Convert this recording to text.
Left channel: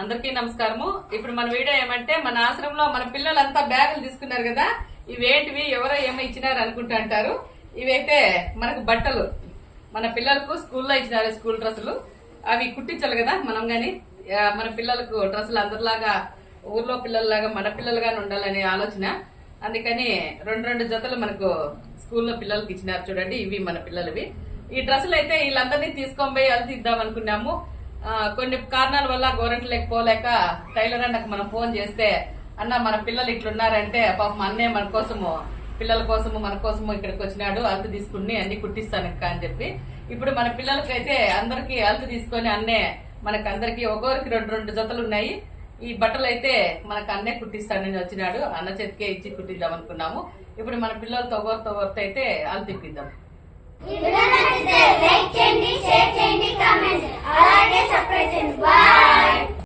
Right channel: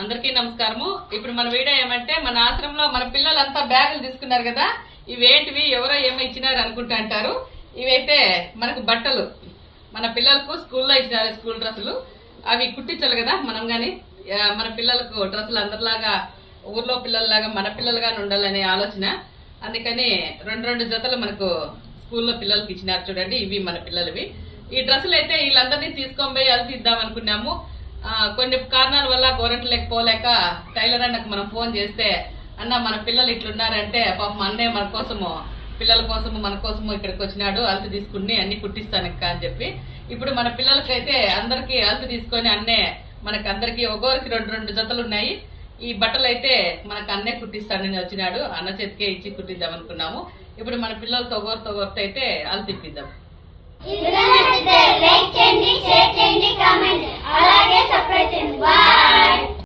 అందరికీ నమస్కారము. ఇప్పుడు మన వీడియో ఏమంటే మన ఆశ్రమంలో మన పిల్లలంతా బ్యాగులు తీసుకున్నారు కదా, ఇవేంటివి ఎవరో ఏమో ఇచ్చినారు అనుకుంటా అంటారు. ఇవైతే మనకు బట్టలు మన పిల్లలకు స్కూల్లో ఇచ్చినారు, స్కూల్ డ్రెస్సులు. అవి కుట్టించాలి కదా మనం గాని. మన పిల్లలకు డ్రెస్సులు అందరిలాగా ఊర్లో పిల్లల్లాగా మన పిల్లలుగానే ఉండాలనే ఆలోచన. అందుకని రెండు జతలు మనకు స్కూల్లో పిల్లలకి ఇచ్చినారు. చూడండి, ఇవి మన పిల్లలవి. ఈ డ్రెస్సులు అయితే వీళ్ళందరినీ తీసుకొని పోయి అది తీద్దాం అనుకున్నాము. కొన్ని కారణాల వల్ల గోరంట్లకి పోలేక టైలర్ అన్నకు మనం ఫోన్ చేస్తే, అన్న మన పిల్లలు ఇట్లున్నారంటే పాపం అన్నే మన కోసము పిల్లల కోసము మన కోసము ఇక్కడికి వచ్చినాడు, అల్తు తీసుకుని అన్ని కుట్టిస్తానక్క అని చెప్పి. ఇప్పుడు మన పిల్లలకైతే అందరికి అల్తు తీసుకొని అన్నే మనకు అందరికి ఒక్కొరికి రెండు జతలు ఉన్నాయి. ఈ బట్టలు అయితే మనకు అన్నే కుట్టిస్తానని వచ్చినాడు. అన్న చేతికే ఇచ్చి కుట్టిద్దాం అనుకున్నాము. ఇప్పుడు మన పిల్లలతో ఒకరితో అయితే అల్తు ఇప్పిద్దాం. లైక్ చేయండి, షేర్ చేయండి, కామెంట్ అలాగే సబ్స్క్రైబ్ చేయండి. బాయ్.